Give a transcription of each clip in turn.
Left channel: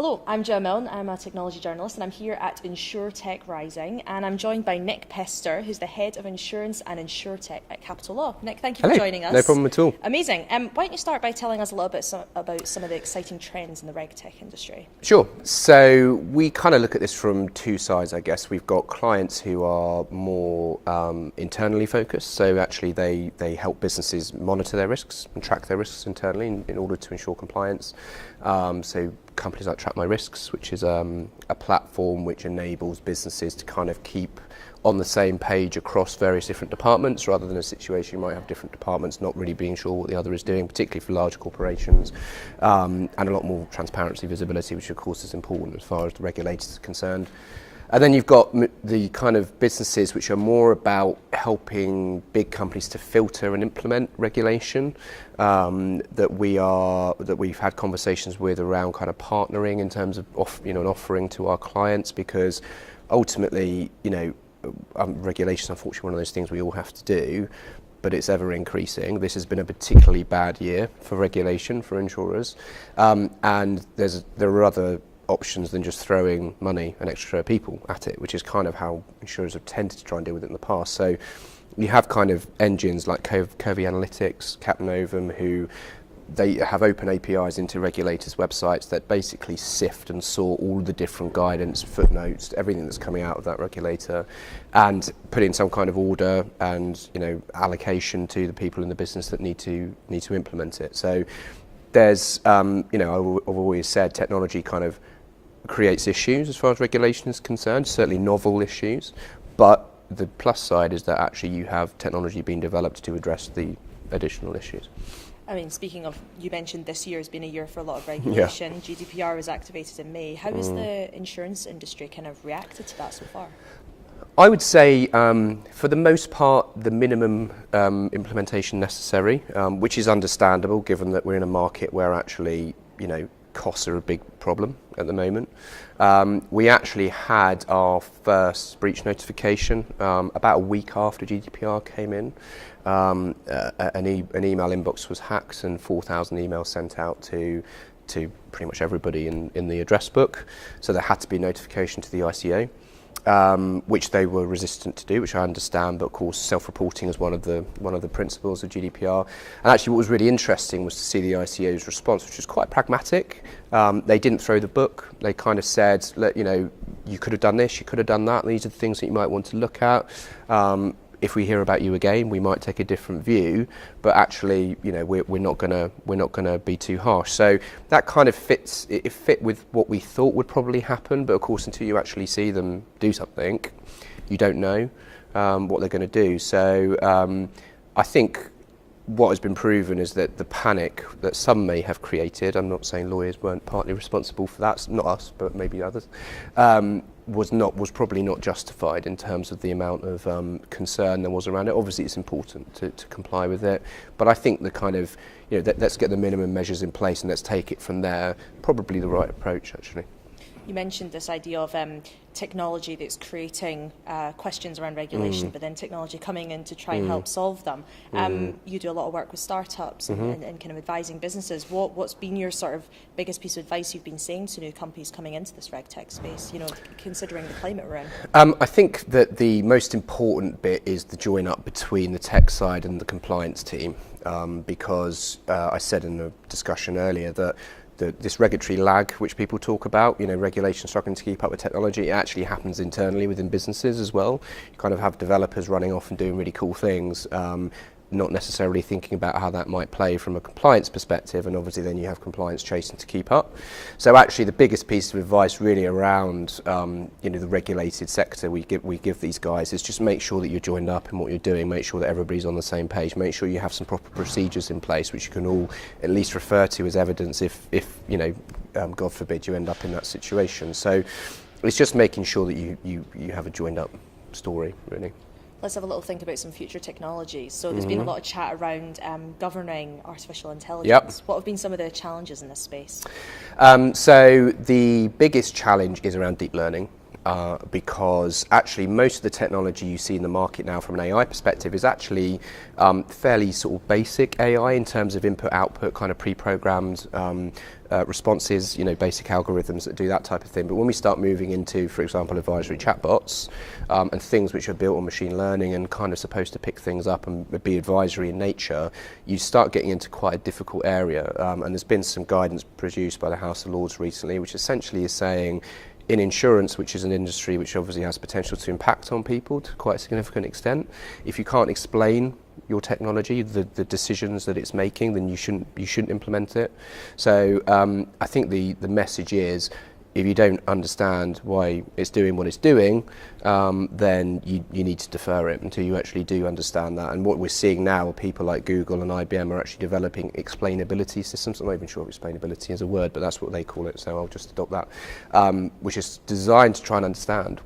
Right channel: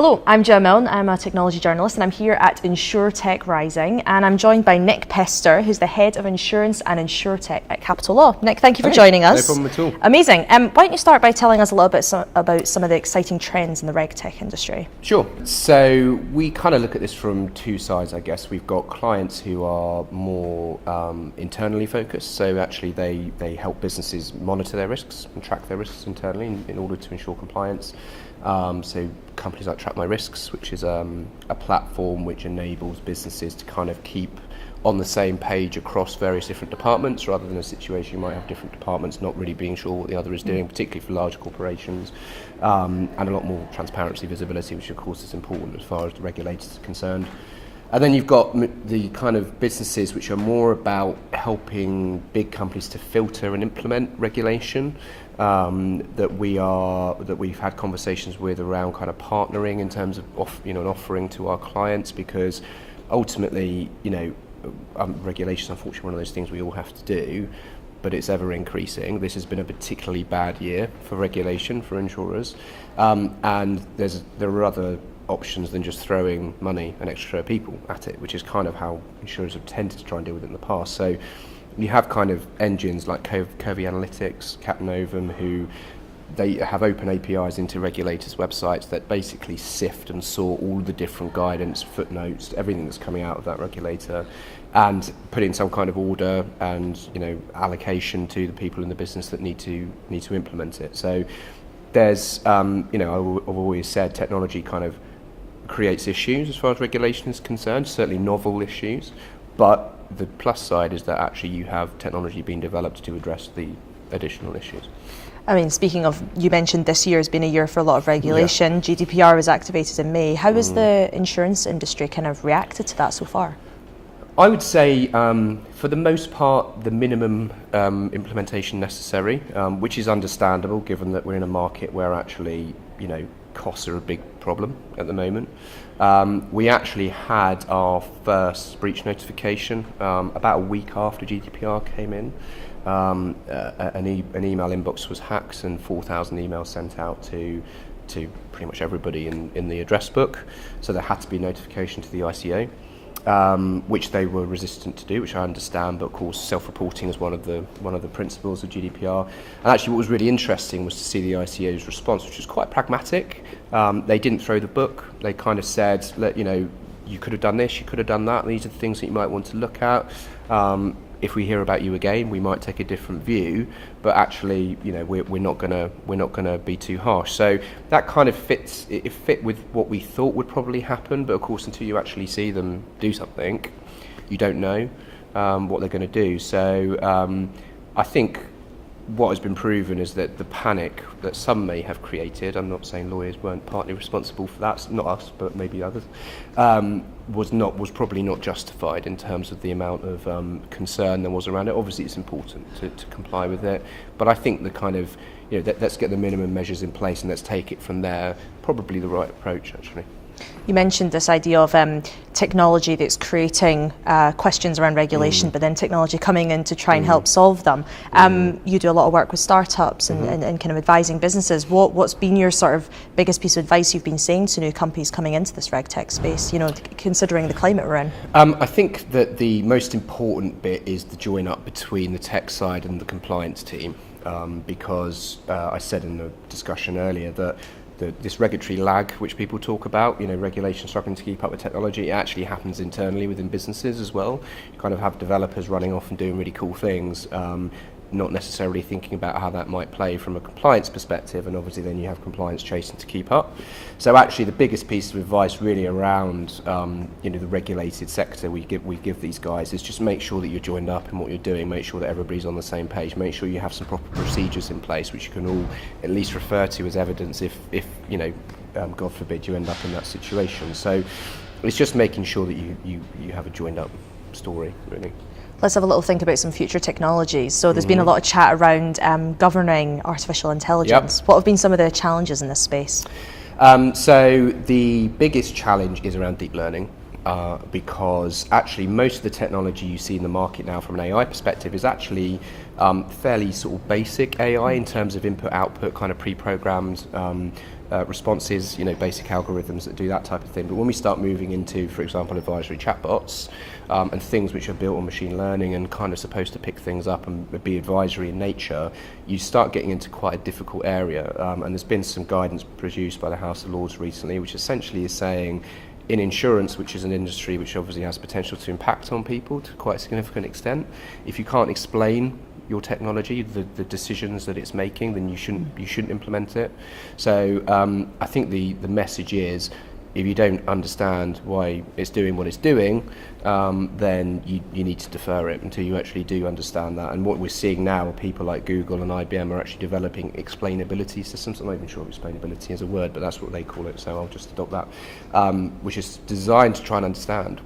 Hello, I'm Gemma Milne. I'm a technology journalist and I'm here at InsurTech Rising, and I'm joined by Nick Pester, who's the head of Insurance and InsurTech at Capital Law. Nick, thank you for joining us. No problem at all. Amazing. Why don't you start by telling us a little bit about some of the exciting trends in the reg tech industry? Sure. So we kind of look at this from two sides, I guess. We've got clients who are more internally focused, so actually they help businesses monitor their risks and track their risks internally in order to ensure compliance. So companies like Track My Risks, which is a platform which enables businesses to kind of keep on the same page across various different departments, rather than a situation you might have different departments not really being sure what the other is doing, particularly for large corporations, and a lot more transparency, visibility, which of course is important as far as the regulators are concerned. And then you've got the kind of businesses which are more about helping big companies to filter and implement regulation, that we've had conversations with around kind of partnering in terms of an offering to our clients, because ultimately, regulation is unfortunately one of those things we all have to do, but it's ever increasing. This has been a particularly bad year for regulation for insurers, and there are other options than just throwing money and extra people at it, which is kind of how insurers have tended to try and deal with it in the past. So you have kind of engines like Curvy Analytics, Capnovum, who they have open APIs into regulators' websites that basically sift and sort all the different guidance, footnotes, everything that's coming out of that regulator, and put in some kind of order and allocation to the people in the business that need to implement it. So there's I've always said technology kind of creates issues as far as regulation is concerned, certainly novel issues, but the plus side is that actually you have technology being developed to address the additional issues. I mean, speaking of, you mentioned this year has been a year for a lot of regulation. Yeah. GDPR was activated in May. How has the insurance industry kind of reacted to that so far? I would say, for the most part, the minimum implementation necessary, which is understandable given that we're in a market where actually, costs are a big problem at the moment. We actually had our first breach notification about a week after GDPR came in. An email inbox was hacked and 4,000 emails sent out to pretty much everybody in the address book. So there had to be notification to the ICO. Which they were resistant to do, which I understand, but of course self-reporting is one of the principles of GDPR. And actually what was really interesting was to see the ICO's response, which was quite pragmatic. They didn't throw the book. They kind of said, you could have done this, you could have done that, these are the things that you might want to look at. If we hear about you again, we might take a different view, but actually, we're not gonna be too harsh. So that kind of fit with what we thought would probably happen. But of course, until you actually see them do something, you don't know what they're going to do. So I think what has been proven is that the panic that some may have created, I'm not saying lawyers weren't partly responsible for that, not us, but maybe others, was probably not justified in terms of the amount of concern there was around it. Obviously it's important to comply with it, but I think the kind of, let's get the minimum measures in place and let's take it from there, probably the right approach actually. You mentioned this idea of technology that's creating questions around regulation, but then technology coming in to try and help solve them. You do a lot of work with startups and kind of advising businesses. What's been your sort of biggest piece of advice you've been saying to new companies coming into this reg tech space, considering the climate we're in? I think that the most important bit is the join up between the tech side and the compliance team, because I said in the discussion earlier that this regulatory lag, which people talk about, regulation struggling to keep up with technology, it actually happens internally within businesses as well. You kind of have developers running off and doing really cool things, not necessarily thinking about how that might play from a compliance perspective, and obviously then you have compliance chasing to keep up. So actually the biggest piece of advice really around the regulated sector we give these guys is just make sure that you're joined up in what you're doing, make sure that everybody's on the same page, make sure you have some proper procedures in place which you can all at least refer to as evidence if God forbid you end up in that situation. So it's just making sure that you have a joined up story really. Let's have a little think about some future technologies. So there's been a lot of chat around governing artificial intelligence. Yep. What have been some of the challenges in this space? So the biggest challenge is around deep learning. Because actually most of the technology you see in the market now from an AI perspective is actually fairly sort of basic AI in terms of input-output, kind of pre-programmed responses, basic algorithms that do that type of thing. But when we start moving into, for example, advisory chatbots and things which are built on machine learning and kind of supposed to pick things up and be advisory in nature, you start getting into quite a difficult area. And there's been some guidance produced by the House of Lords recently, which essentially is saying, in insurance, which is an industry which obviously has potential to impact on people to quite a significant extent, if you can't explain your technology, the decisions that it's making, then you shouldn't implement it. So I think the message is, if you don't understand why it's doing what it's doing, then you need to defer it until you actually do understand that. And what we're seeing now, people like Google and IBM are actually developing explainability systems. I'm not even sure if explainability is a word, but that's what they call it, so I'll just adopt that, which is designed to try and understand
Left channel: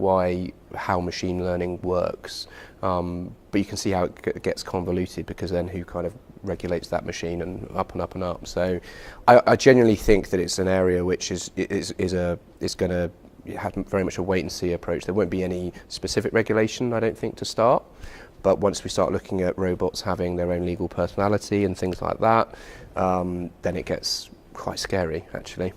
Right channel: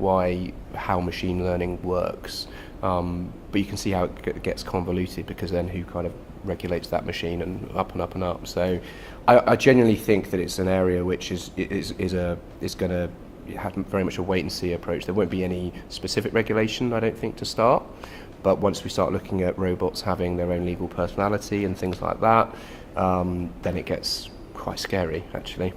how machine learning works. But you can see how it gets convoluted, because then who kind of regulates that machine, and up and up and up. So I genuinely think that it's an area which is going to have very much a wait and see approach. There won't be any specific regulation, I don't think, to start. But once we start looking at robots having their own legal personality and things like that, then it gets quite scary, actually.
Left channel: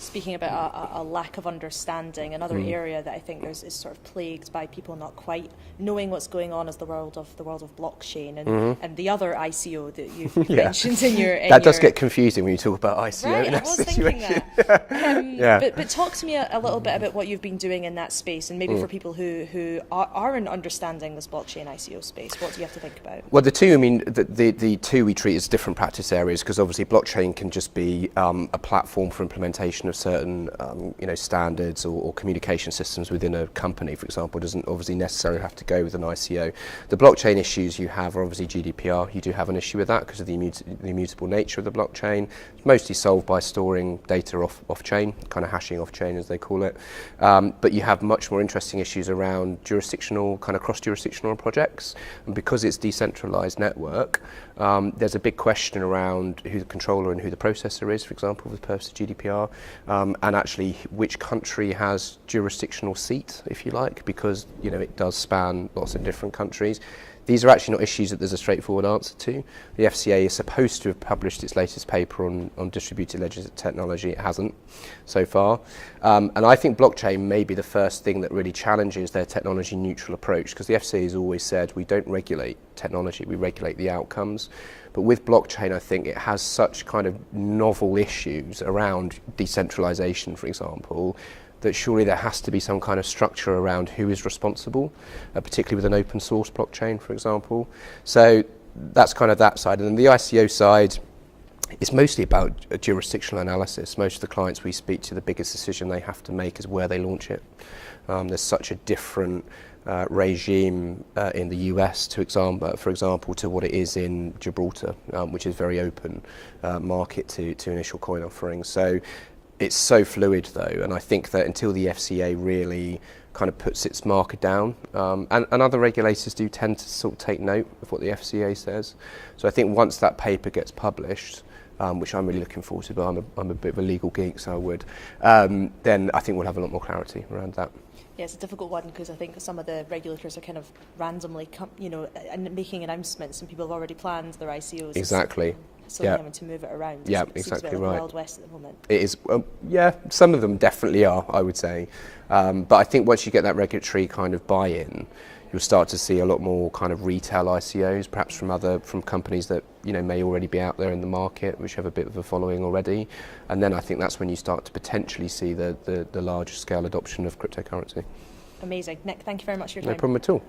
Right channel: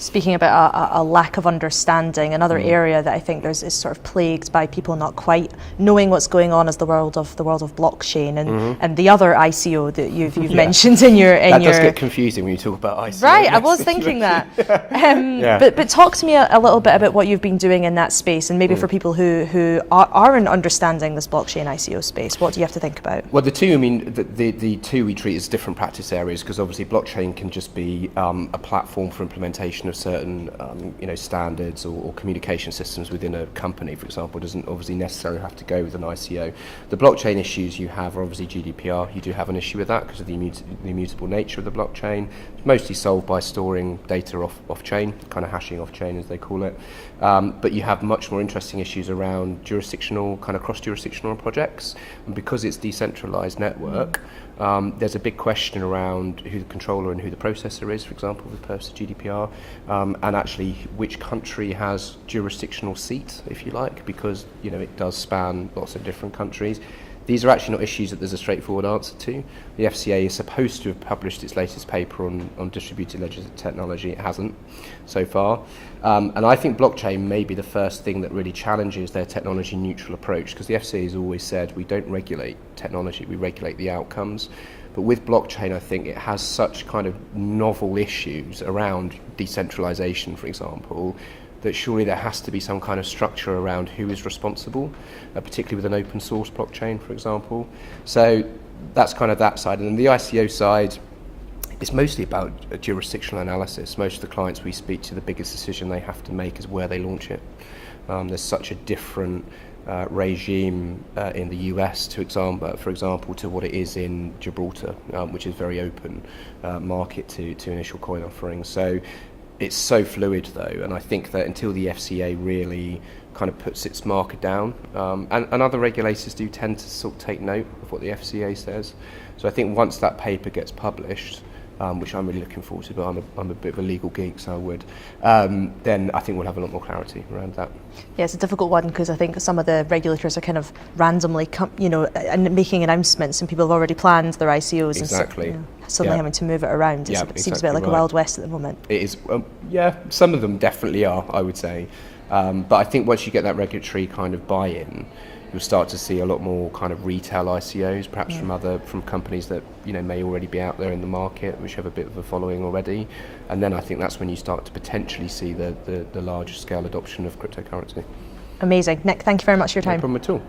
Speaking about a lack of understanding, another area that I think is sort of plagued by people not quite knowing what's going on is the world of blockchain and the other ICO that you've mentioned in your that does get confusing when you talk about ICO. Right, I was thinking that. But talk to me a little bit about what you've been doing in that space, and maybe for people who aren't understanding this blockchain ICO space, what do you have to think about? Well, the two we treat as different practice areas, because obviously blockchain can just be a platform for implementation of certain standards or communication systems within a company, for example. It doesn't obviously necessarily have to go with an ICO. The blockchain issues you have are obviously GDPR. You do have an issue with that because of the immutable nature of the blockchain. It's mostly solved by storing data off-chain, kind of hashing off-chain as they call it. But you have much more interesting issues around cross-jurisdictional projects. And because it's decentralized network, there's a big question around who the controller and who the processor is, for example, for the purpose of GDPR, and actually which country has jurisdictional seat, if you like, because it does span lots of different countries. These are actually not issues that there's a straightforward answer to. The FCA is supposed to have published its latest paper on distributed ledger technology. It hasn't so far. And I think blockchain may be the first thing that really challenges their technology neutral approach, because the FCA has always said we don't regulate technology, we regulate the outcomes. But with blockchain, I think it has such kind of novel issues around decentralization, for example, that surely there has to be some kind of structure around who is responsible, particularly with an open source blockchain, for example. So that's kind of that side. And then the ICO side, it's mostly about a jurisdictional analysis. Most of the clients we speak to, the biggest decision they have to make is where they launch it. There's such a different regime in the US, for example, to what it is in Gibraltar, which is very open market to initial coin offerings. So it's so fluid, though, and I think that until the FCA really kind of puts its marker down, and other regulators do tend to sort of take note of what the FCA says. So I think once that paper gets published, which I'm really looking forward to, but I'm a bit of a legal geek, so I would, then I think we'll have a lot more clarity around that. Yeah, it's a difficult one, because I think some of the regulators are kind of randomly, making announcements, and people have already planned their ICOs. Exactly. And suddenly having to move it around. It seems a bit like a Wild West at the moment. It is. Some of them definitely are, I would say. But I think once you get that regulatory kind of buy-in, you'll start to see a lot more kind of retail ICOs, perhaps from companies that may already be out there in the market, which have a bit of a following already. And then I think that's when you start to potentially see the larger scale adoption of cryptocurrency. Amazing. Nick, thank you very much for your time. No problem at all.